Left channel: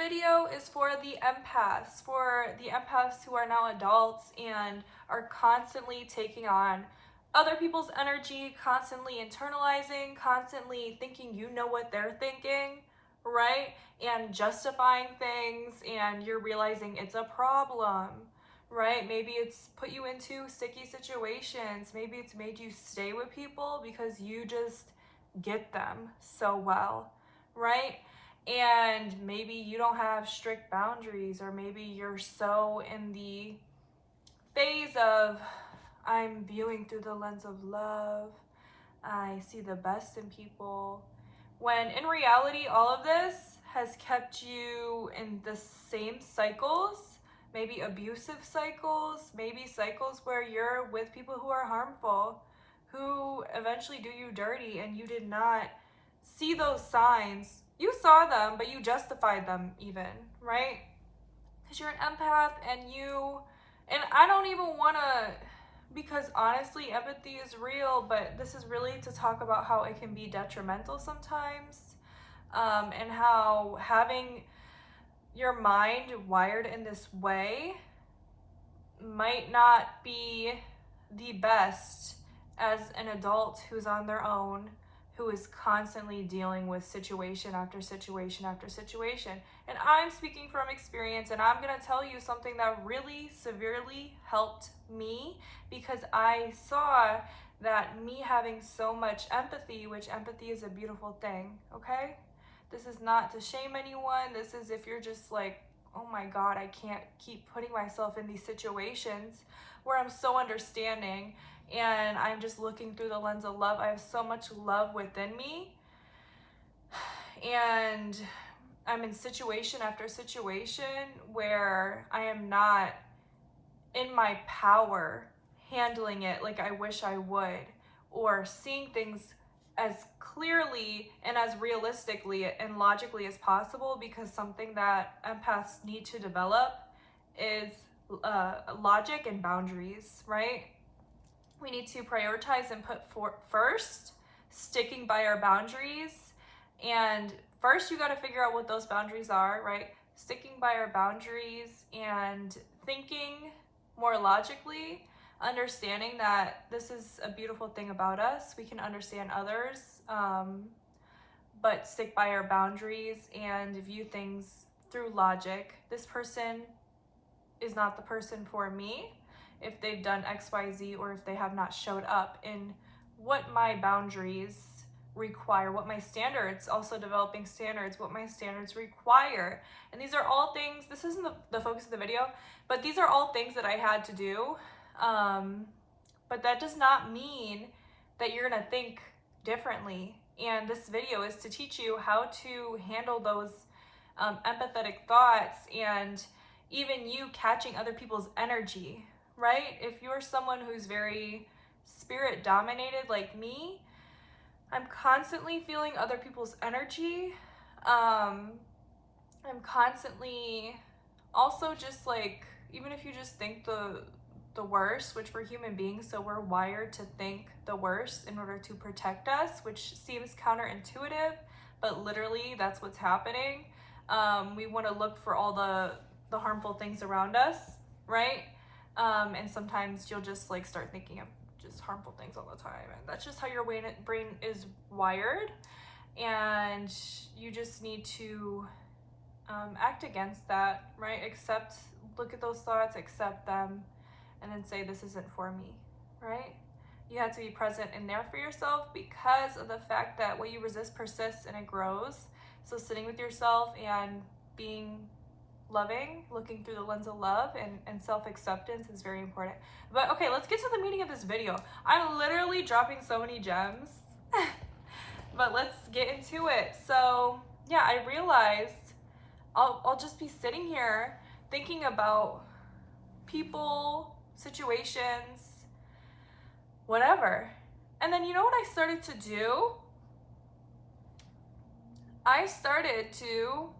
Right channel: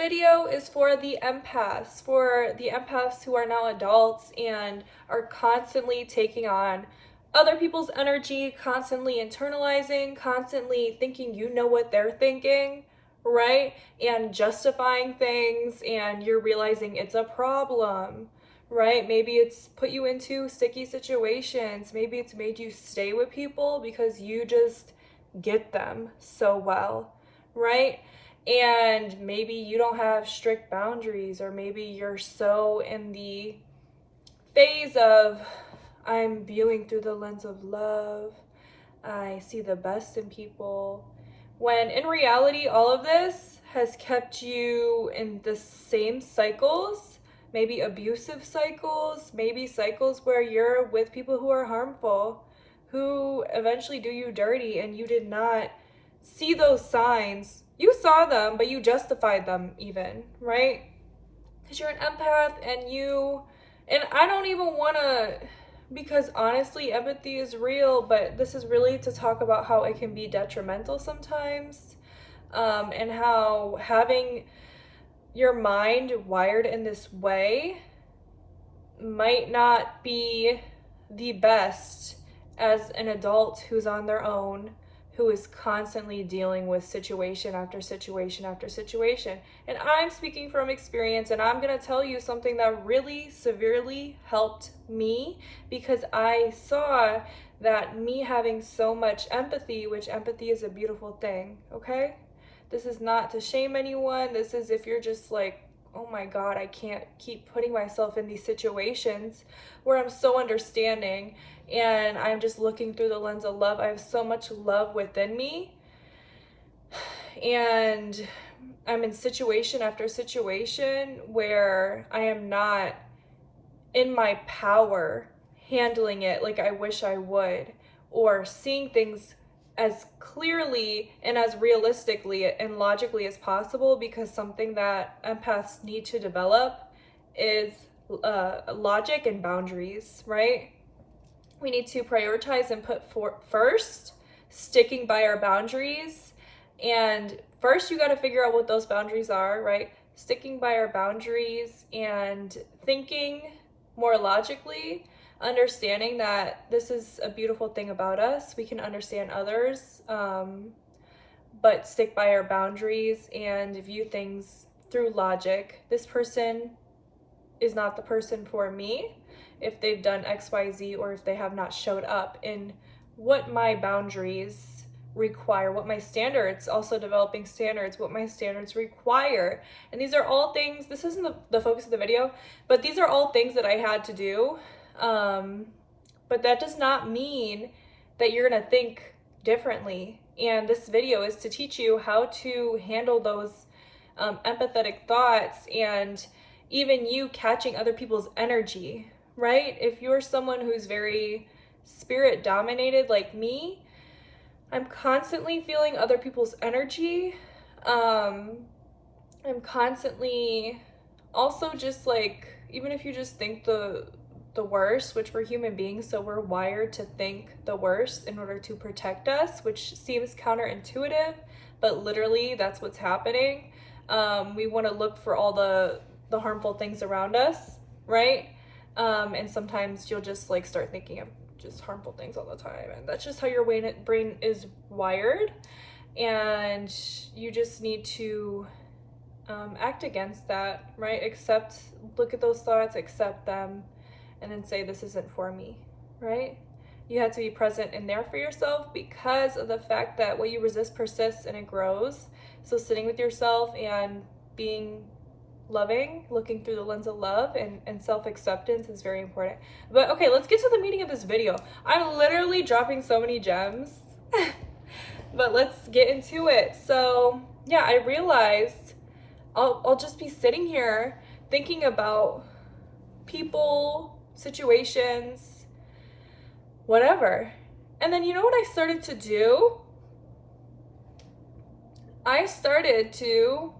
video is for the empaths who are now adults and are constantly taking on other people's energy, constantly internalizing, constantly thinking you know what they're thinking, right? And justifying things, and you're realizing it's a problem, right? Maybe it's put you into sticky situations. Maybe it's made you stay with people because you just get them so well, right? And maybe you don't have strict boundaries, or maybe you're so in the phase of, I'm viewing through the lens of love, I see the best in people, when in reality, all of this has kept you in the same cycles, maybe abusive cycles, maybe cycles where you're with people who are harmful, who eventually do you dirty, and you did not see those signs. You saw them, but you justified them even, right? Because you're an empath, and I don't even want to, because honestly, empathy is real, but this is really to talk about how it can be detrimental sometimes, and how having your mind wired in this way might not be the best as an adult who's on their own, who is constantly dealing with situation after situation after situation. And I'm speaking from experience, and I'm going to tell you something that really severely helped me, because I saw that me having so much empathy, which empathy is a beautiful thing, okay? This is not to shame anyone. This is if you're just like, oh my God, I can't keep putting myself in these situations where I'm so understanding and I'm just looking through the lens of love. I have so much love within me, and I'm in situation after situation where I am not in my power handling it like I wish I would, or seeing things as clearly and as realistically and logically as possible, because something that empaths need to develop is logic and boundaries, right? We need to prioritize and put first, sticking by our boundaries. And first, you got to figure out what those boundaries are, right? Sticking by our boundaries and thinking more logically, understanding that this is a beautiful thing about us. We can understand others, but stick by our boundaries and view things through logic. This person is not the person for me if they've done XYZ, or if they have not showed up in what my boundaries require, what my standards, also developing standards, what my standards require. And these are all things, this isn't the focus of the video, but these are all things that I had to do. But that does not mean that you're gonna think differently. And this video is to teach you how to handle those empathetic thoughts, and even you catching other people's energy, right? If you're someone who's very spirit dominated like me, I'm constantly feeling other people's energy. I'm constantly also just like, even if you just think the worst, which we're human beings, so we're wired to think the worst in order to protect us, which seems counterintuitive, but literally that's what's happening. We want to look for all the harmful things around us, right? And sometimes you'll just like start thinking of just harmful things all the time, and that's just how your brain is wired, and you just need to act against that, right? Look at those thoughts, accept them, and then say, this isn't for me, right? You have to be present in there for yourself, because of the fact that what you resist persists and it grows. So sitting with yourself and being loving, looking through the lens of love and self-acceptance is very important. But okay, let's get to the meaning of this video. I'm literally dropping so many gems, but let's get into it. So yeah, I realized I'll just be sitting here thinking about people, situations, whatever. And then you know what I started to do? I started to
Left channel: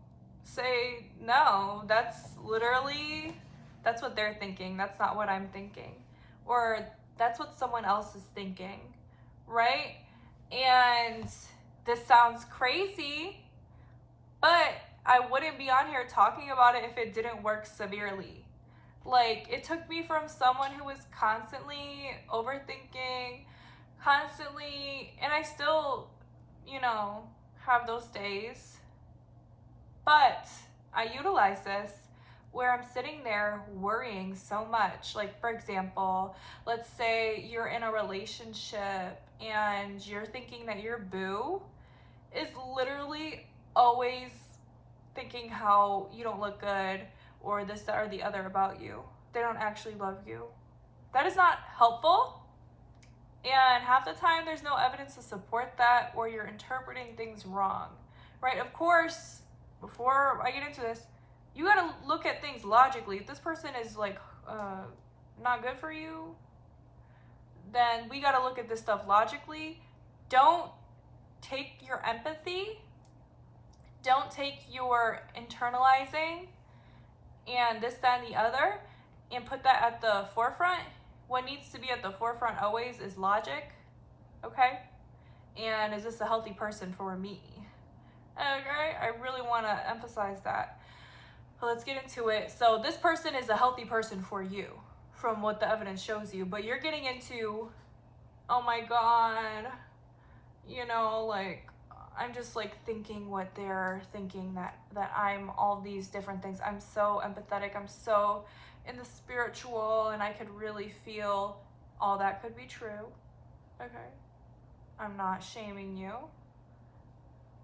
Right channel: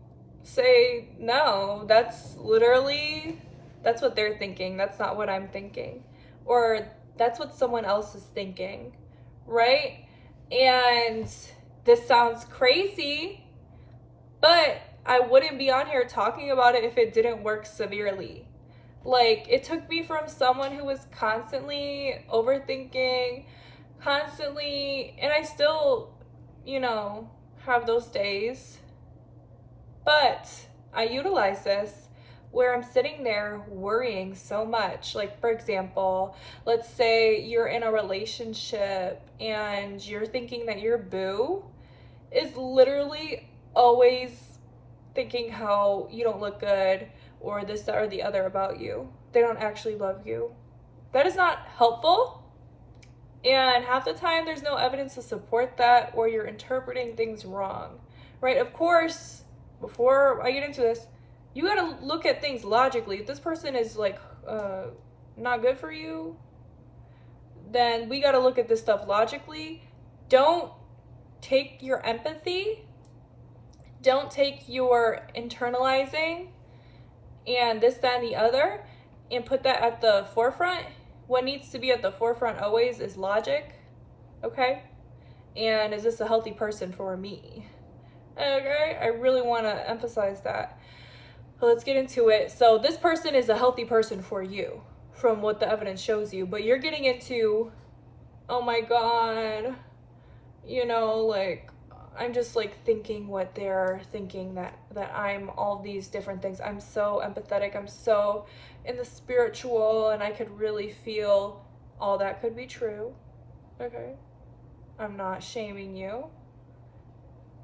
say, no, that's what they're thinking. That's not what I'm thinking. Or that's what someone else is thinking, right? And this sounds crazy, but I I wouldn't be on here talking about it if it didn't work severely. Like, it took me from someone who was constantly overthinking, constantly, and I still, have those days. But I utilize this where I'm sitting there worrying so much. Like, for example, let's say you're in a relationship and you're thinking that your boo is literally always thinking how you don't look good or this, that, or the other about you. They don't actually love you. That is not helpful. And half the time, there's no evidence to support that, or you're interpreting things wrong, right? Of course, before I get into this, you gotta look at things logically. If this person is like not good for you, then we gotta look at this stuff logically. Don't take your empathy, don't take your internalizing and this, that, and the other, and put that at the forefront. What needs to be at the forefront always is logic, okay? And is this a healthy person for me? Okay, I really want to emphasize that. But let's get into it. So this person is a healthy person for you, from what the evidence shows you, but you're getting into, oh my God, like, I'm just like thinking what they're thinking, that I'm all these different things. I'm so empathetic, I'm so in the spiritual, and I could really feel. All that could be true, okay? I'm not shaming you.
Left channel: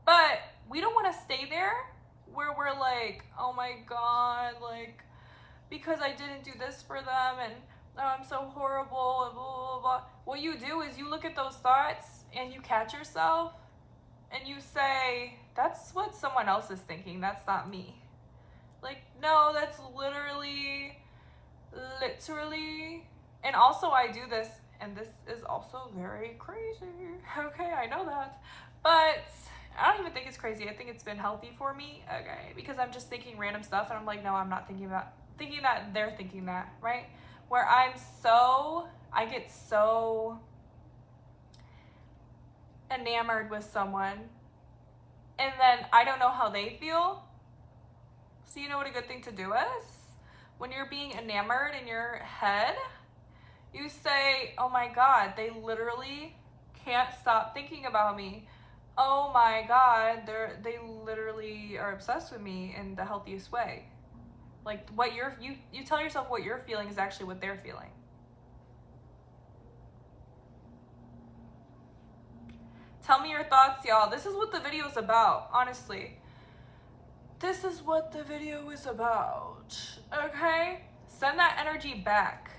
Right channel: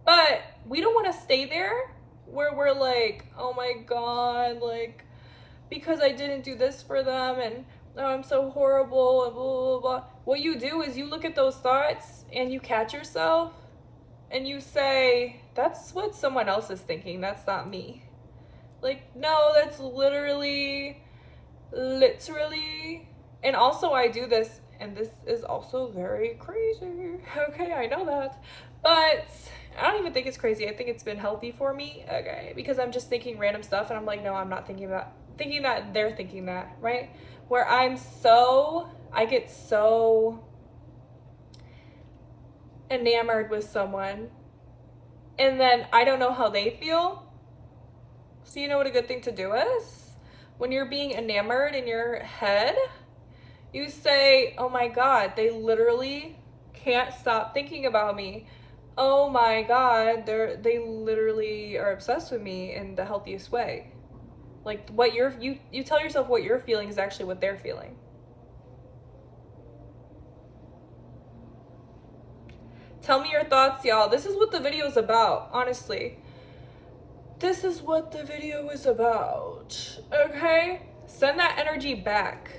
But we don't want to stay there where we're like, oh my God, like, because I didn't do this for them, and oh, I'm so horrible, and blah, blah, blah. What you do is you look at those thoughts and you catch yourself and you say, that's what someone else is thinking, that's not me. Like, no, that's literally, and also I do this, and this is also very crazy, okay, I know that, but I don't even think it's crazy. I think it's been healthy for me, okay, because I'm just thinking random stuff, and I'm like, no, I'm not thinking that they're thinking that, right? Where I get so enamored with someone, and then I don't know how they feel. So you know what a good thing to do is? When you're being enamored in your head, you say, oh my God, they literally can't stop thinking about me. Oh my God, they literally are obsessed with me in the healthiest way. Like, what you tell yourself what you're feeling is actually what they're feeling. Tell me your thoughts, y'all. This is what the video is about, honestly. This is what the video is about, okay? Send that energy back.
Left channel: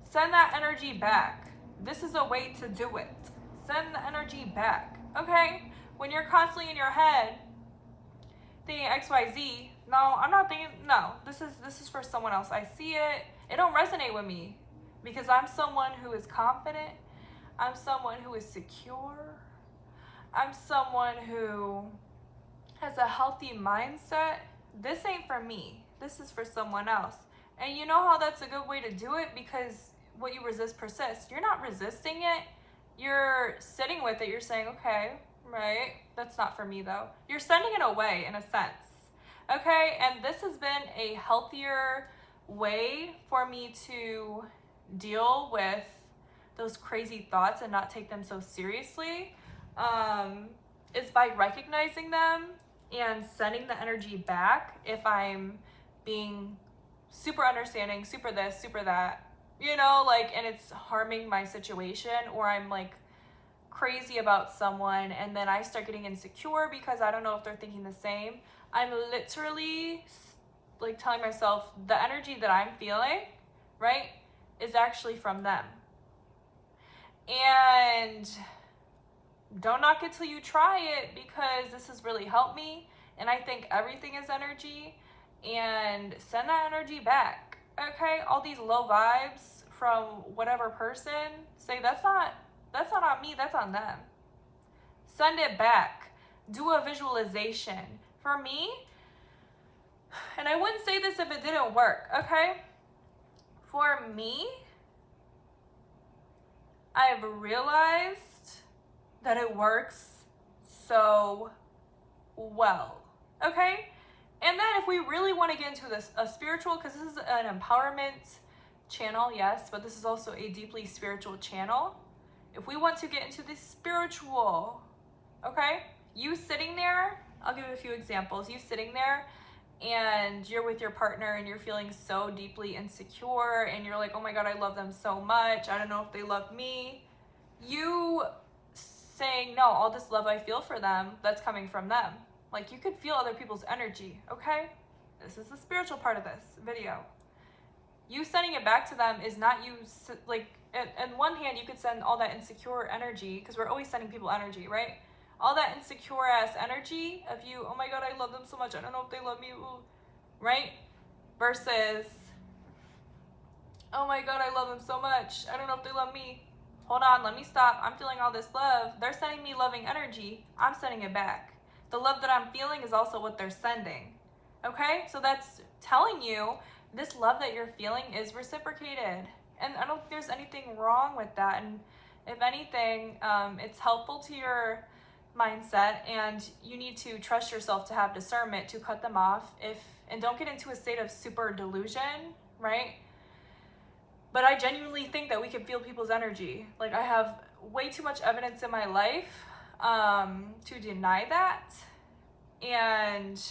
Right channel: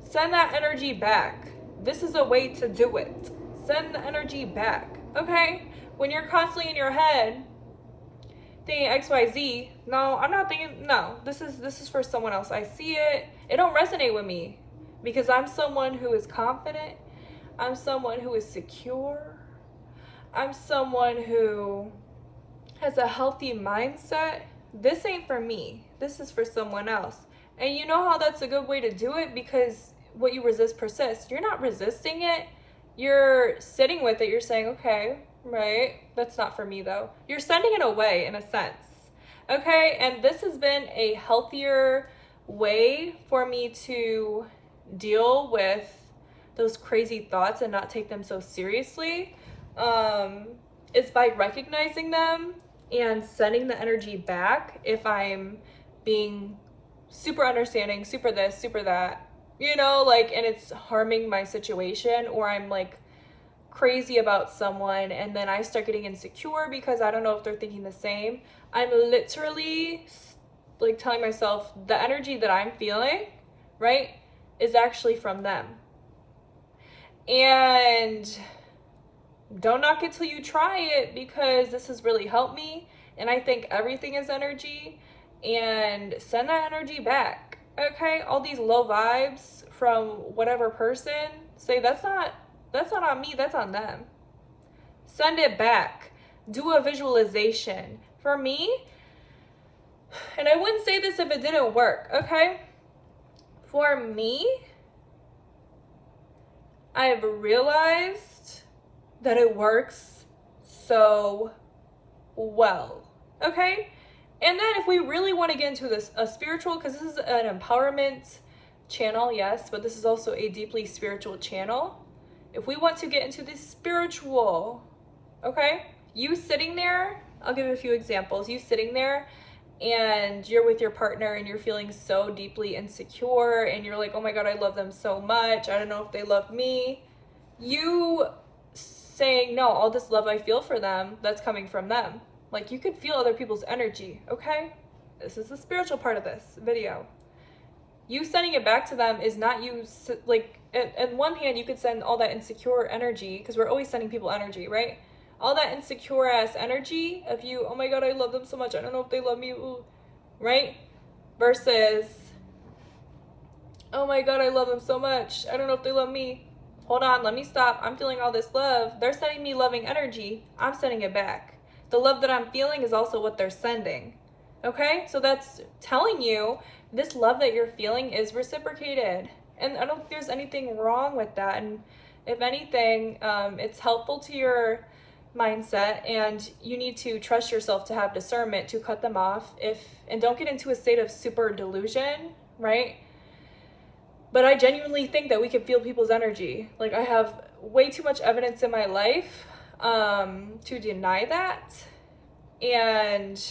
Send that energy back. This is a way to do it. Send the energy back, okay? When you're constantly in your head thinking XYZ, no, I'm not thinking, no, this is for someone else. I see it. It don't resonate with me because I'm someone who is confident. I'm someone who is secure. I'm someone who has a healthy mindset. This ain't for me. This is for someone else. And you know how that's a good way to do it? Because what you resist persists. You're not resisting it. You're sitting with it. You're saying, okay, right, that's not for me though. You're sending it away in a sense. Okay, and this has been a healthier way for me to deal with those crazy thoughts and not take them so seriously. It's by recognizing them and sending the energy back if I'm being super understanding, super this, super that, like, and it's harming my situation, or I'm like crazy about someone and then I start getting insecure because I don't know if they're thinking the same. I'm literally like telling myself the energy that I'm feeling, right, is actually from them. And don't knock it till you try it, because this has really helped me, and I think everything is energy. And send that energy back, okay? All these low vibes from whatever person, say that's not on me, that's on them. Send it back. Do a visualization. For me, and I wouldn't say this if it didn't work, okay? For me, I've realized that it works so well, okay? And then if we really want to get into this, a spiritual, because this is an empowerment channel, yes, but this is also a deeply spiritual channel. If we want to get into the spiritual, okay, you sitting there, I'll give a few examples. You sitting there and you're with your partner and you're feeling so deeply insecure and you're like, oh my God, I love them so much. I don't know if they love me. You saying, no, all this love I feel for them, that's coming from them. Like, you could feel other people's energy, okay? This is the spiritual part of this video. You sending it back to them is not you, like, at one hand, you could send all that insecure energy, because we're always sending people energy, right? All that insecure ass energy of you, oh my God, I love them so much, I don't know if they love me, right? Versus, oh my God, I love them so much, I don't know if they love me. Hold on, let me stop. I'm feeling all this love. They're sending me loving energy. I'm sending it back. The love that I'm feeling is also what they're sending. Okay? So that's telling you this love that you're feeling is reciprocated. And I don't think there's anything wrong with that. And if anything, it's helpful to your mindset, and you need to trust yourself to have discernment to cut them off and don't get into a state of super delusion, right? But I genuinely think that we can feel people's energy. Like, I have way too much evidence in my life to deny that. And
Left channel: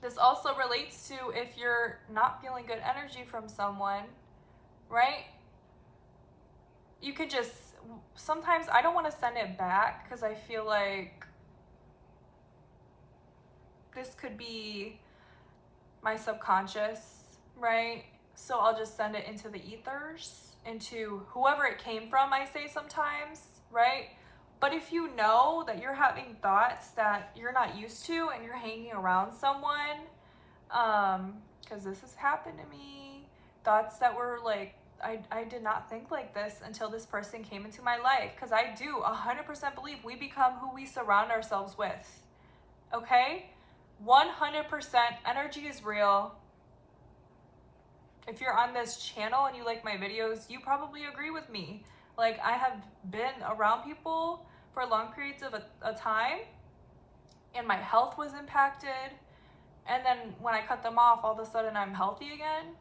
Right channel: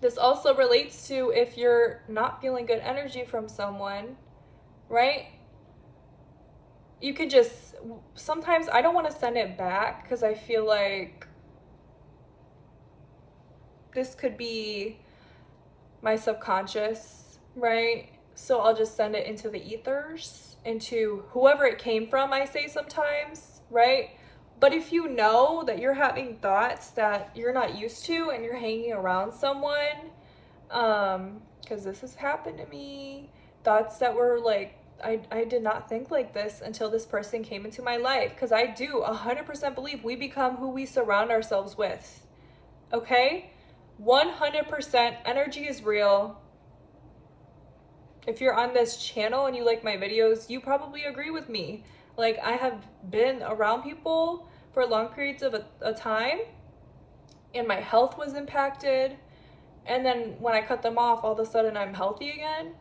this also relates to if you're not feeling good energy from someone, right? You could just, sometimes I don't want to send it back because I feel like this could be my subconscious, right? So I'll just send it into the ethers, into whoever it came from, I say sometimes, right? But if you know that you're having thoughts that you're not used to and you're hanging around someone, because this has happened to me, thoughts that were like, I did not think like this until this person came into my life, because I do 100% believe we become who we surround ourselves with, okay? 100% energy is real. If you're on this channel and you like my videos, you probably agree with me. Like, I have been around people for long periods of a time, and my health was impacted. And then when I cut them off, all of a sudden I'm healthy again.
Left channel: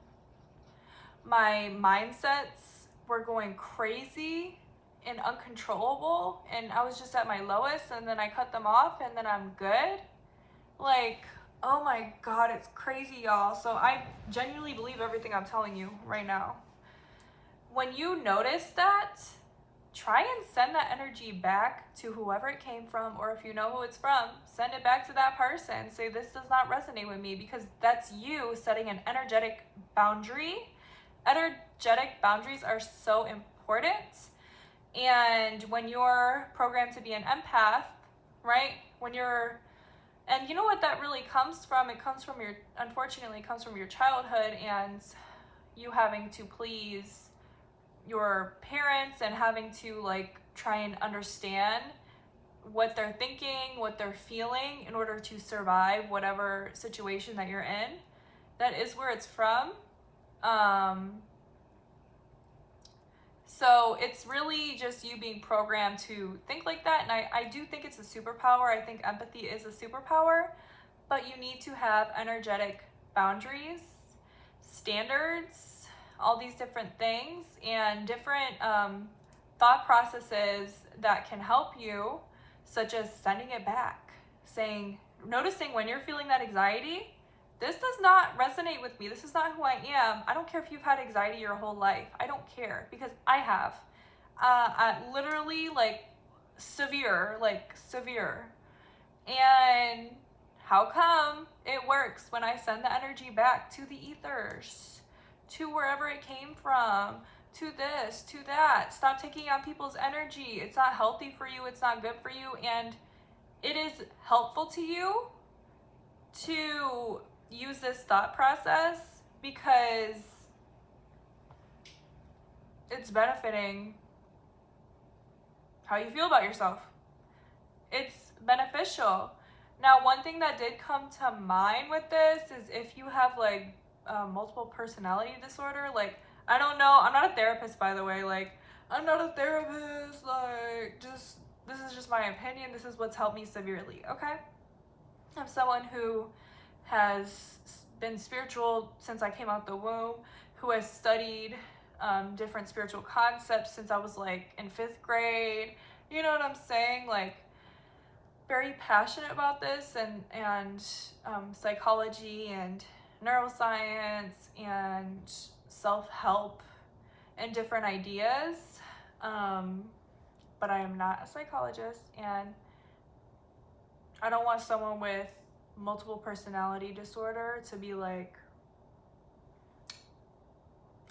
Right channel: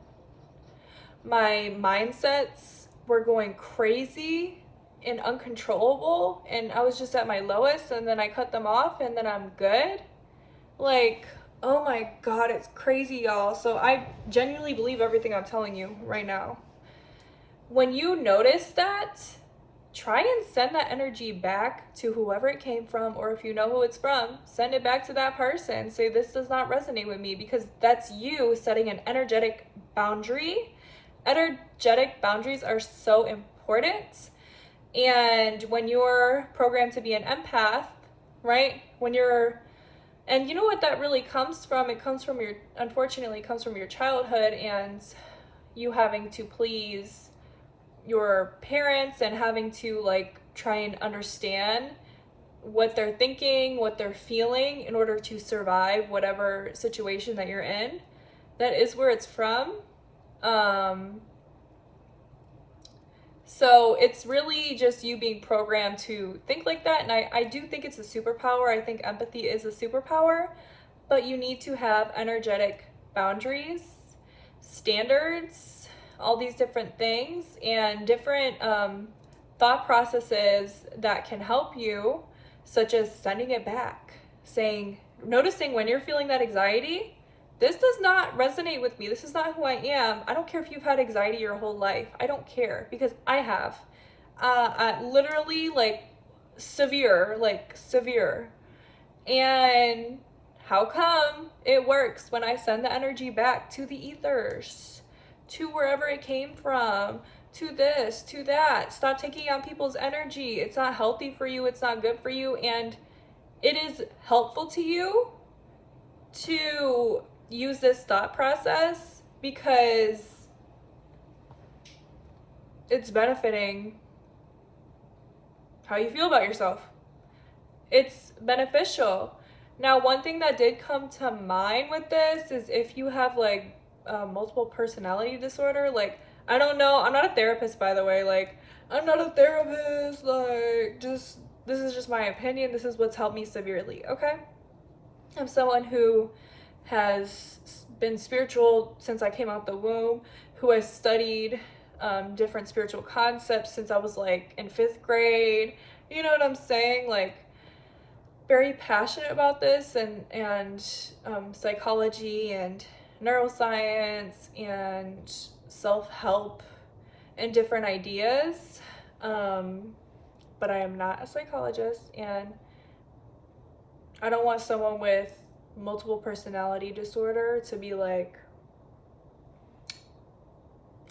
My mindsets were going crazy and uncontrollable, and I was just at my lowest, and then I cut them off, and then I'm good. Like, oh my God, it's crazy, y'all. So I genuinely believe everything I'm telling you right now. When you notice that, try and send that energy back to whoever it came from, or if you know who it's from, send it back to that person. Say, this does not resonate with me, because that's you setting an energetic boundary. Energetic boundaries are so important. And when you're programmed to be an empath, right? And you know what that really comes from? It comes from unfortunately, it comes from your childhood and you having to please your parents and having to like try and understand what they're thinking, what they're feeling in order to survive whatever situation that you're in. That is where it's from. So it's really just you being programmed to think like that. And I do think it's a superpower. I think empathy is a superpower, but you need to have energetic boundaries, standards, all these different things, and different thought processes that can help you, such as sending it back, noticing when you're feeling that anxiety, this does not resonate with me. This is not who I am. I don't care if you've had anxiety your whole life. I don't care, because I have. Literally, like, severe. And how come it works when I send the energy back to the ethers, to wherever it came from, to this, to that? Stop taking on people's energy. It's not healthy for you. It's not good for you. And it is helpful to you to use this thought process because it's benefiting how you feel about yourself. It's beneficial. Now, one thing that did come to mind with this is if you have like multiple personality disorder, like, I don't know, I'm not a therapist, by the way, like, I'm not a therapist, like, this is just my opinion. This is what's helped me severely, okay? I'm someone who has been spiritual since I came out the womb, who has studied different spiritual concepts since I was like in 5th grade. You know what I'm saying? Like, very passionate about this, and psychology and neuroscience and self-help and different ideas. But I am not a psychologist, and I don't want someone with multiple personality disorder to be like,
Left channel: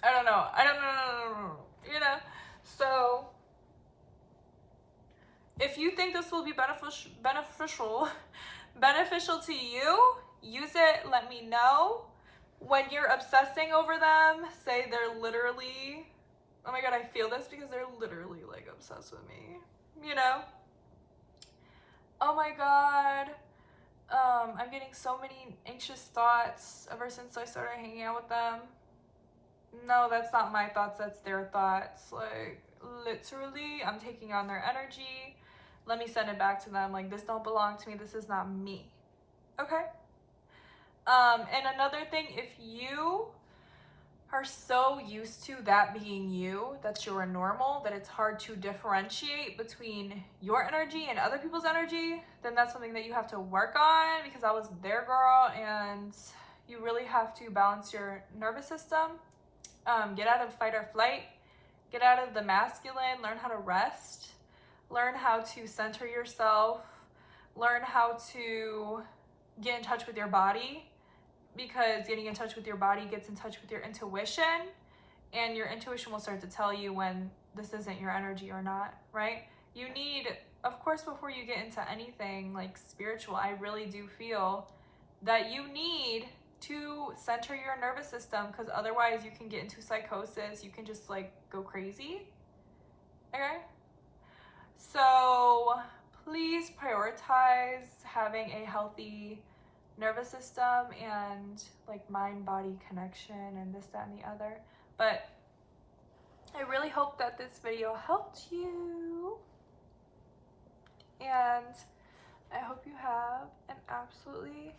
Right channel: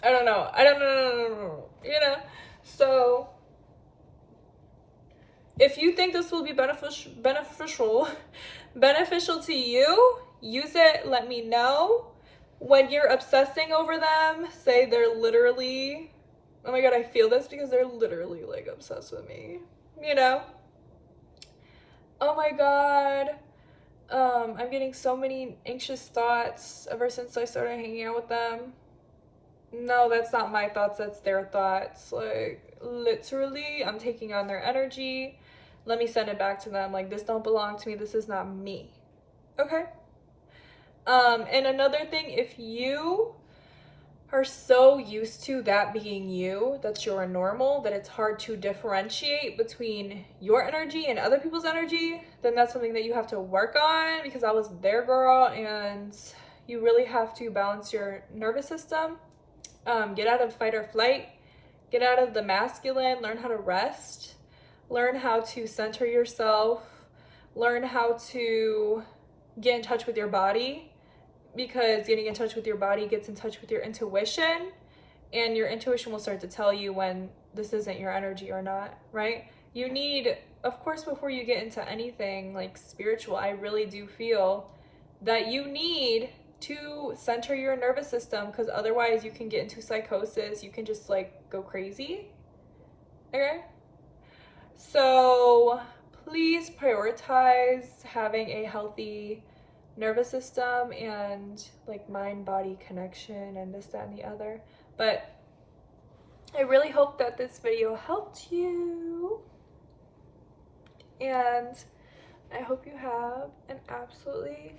I don't know, you know? So if you think this will be beneficial to you, use it. Let me know. When you're obsessing over them, say they're literally, oh my god, I feel this because they're literally like obsessed with me, you know? Oh my god, I'm getting so many anxious thoughts ever since I started hanging out with them. No, that's not my thoughts, that's their thoughts. Like, literally, I'm taking on their energy. Let me send it back to them. Like, this don't belong to me. This is not me. Okay? And another thing, if you are so used to that being you, that you're normal, that it's hard to differentiate between your energy and other people's energy, then that's something that you have to work on, because I was their girl, and you really have to balance your nervous system. Get out of fight or flight, get out of the masculine, learn how to rest, learn how to center yourself, learn how to get in touch with your body, because getting in touch with your body gets in touch with your intuition, and your intuition will start to tell you when this isn't your energy or not, right? You need, of course, before you get into anything like spiritual, I really do feel that you need to center your nervous system, because otherwise you can get into psychosis. You can just like go crazy. Okay? So please prioritize having a healthy nervous system and like mind-body connection and this, that, and the other. But I really hope that this video helped you, and I hope you have an absolutely